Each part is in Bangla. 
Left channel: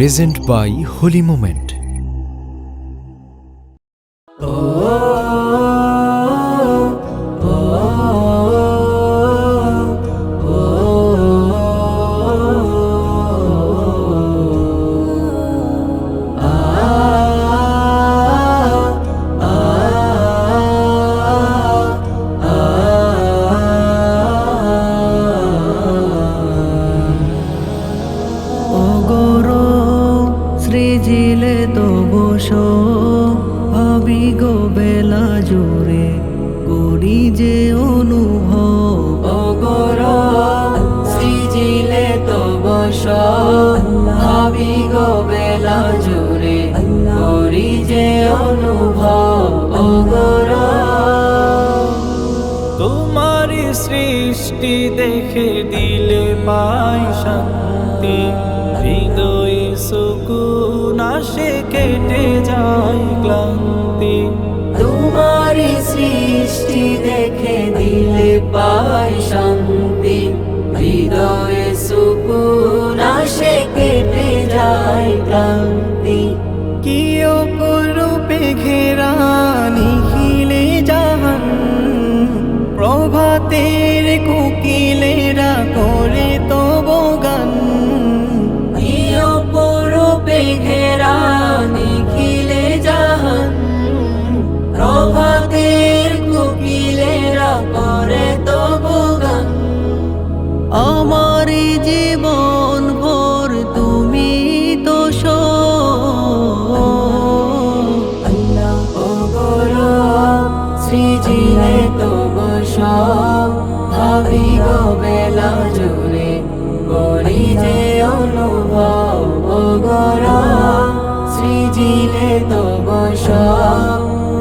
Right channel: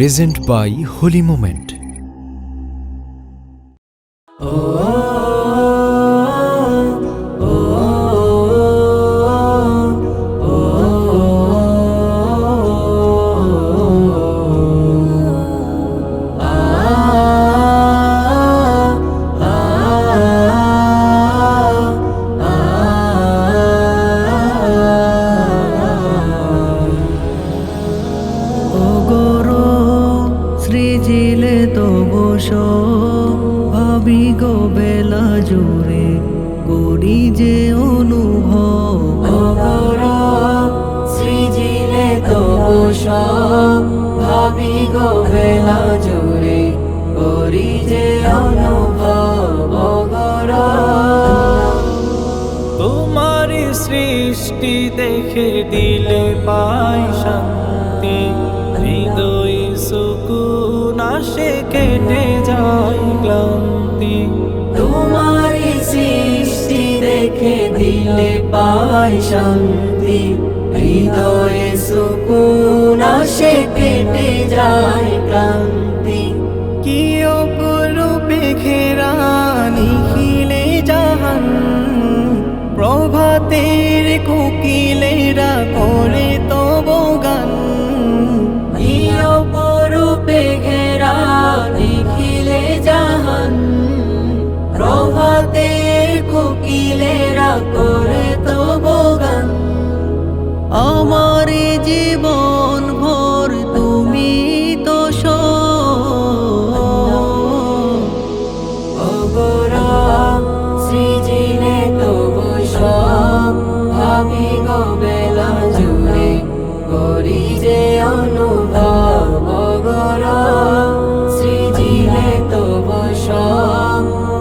present by Holy Moment. সৃজিলে তো বসো ভাবি গো বেলা জুড়ে করি যে অনুভব সৃজিলে তো বসো ভাবি গো বেলা জুড়ে করি যে অনুভব তোমারি সৃষ্টি দেখে দিলে পাই শান্তি, হৃদয়ে সুকুন আসে কেটে যায় ক্লান্তি। তোমারি সৃষ্টি দেখে দিলে পাই শান্তি, হৃদয়ে সুকুন আসে কেটে যায় ক্লান্তি। কি অপরূপে ঘেরা নিখিলে জাহান, প্রভাতের কোকিলেরা করে তব গান। অপরূপে ঘেরা নিখিলে জাহান, প্রভাতের কোকিলেরা করে তব গান। আমার জীবন ভর তুমি তো সৃজিলে তো বসো ভাবি গো বেলা জুড়ে করি যে অনুভব। সৃজিলে তো বসো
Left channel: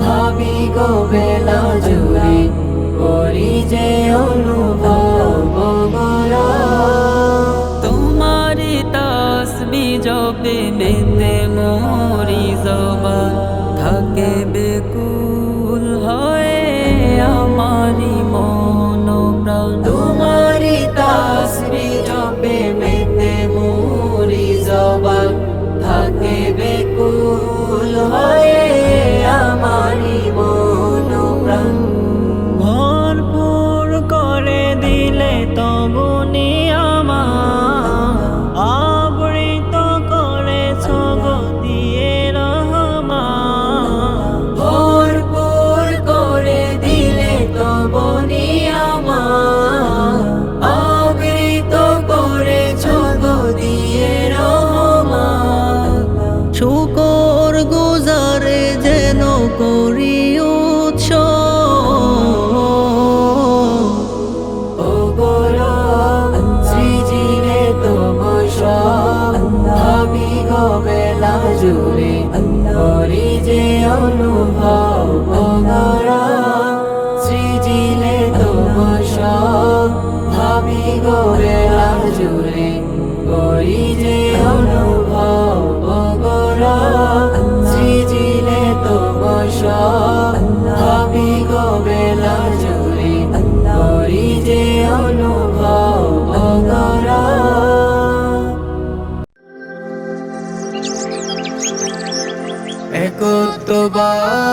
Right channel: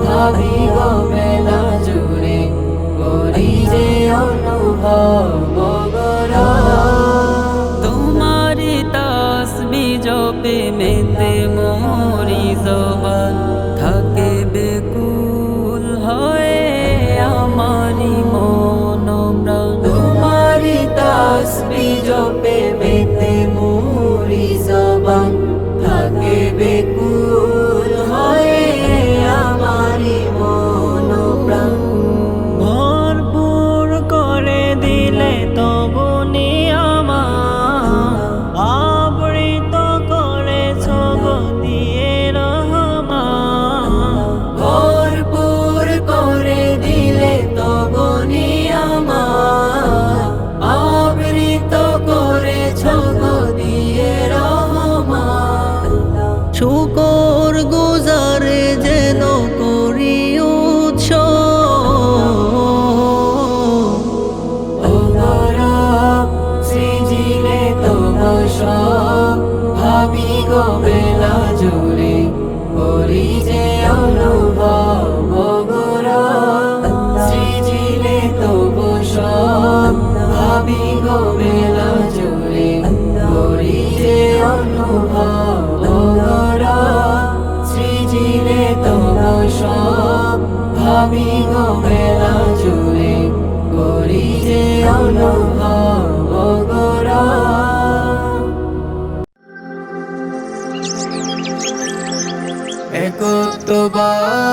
ভাবি গো বেলা জুড়ে করি যে অনুভব। তোমারি তাসবি জপে মেতে মোরি জবান, থাকে বেকুল হয়ে আমারি মন প্রাণ। তোমারি তাসবি জপে মেতে মোরি জবান, থাকে বেকুল হয়ে আমারি মন প্রাণ। ভরপুর করে দিলে তবু নিয়ামত, আবৃত করেছ গো দিয়ে রহমান। ভরপুর করে দিলে তব নিয়ামত, আবৃত করেছ গো দিয়ে রহমান। শুকর গুজারে যেন করি সৃজিলে তো বসো ভাবি গো বেলা জুড়ে করি যে অনুভব। সৃজিলে তো বসো ভাবি গো বেলা জুড়ে করি যে অনুভব। সৃজিলে তো বসো ভাবি গো বেলা জুড়ে করি যে অনুভব। একত্ববাদ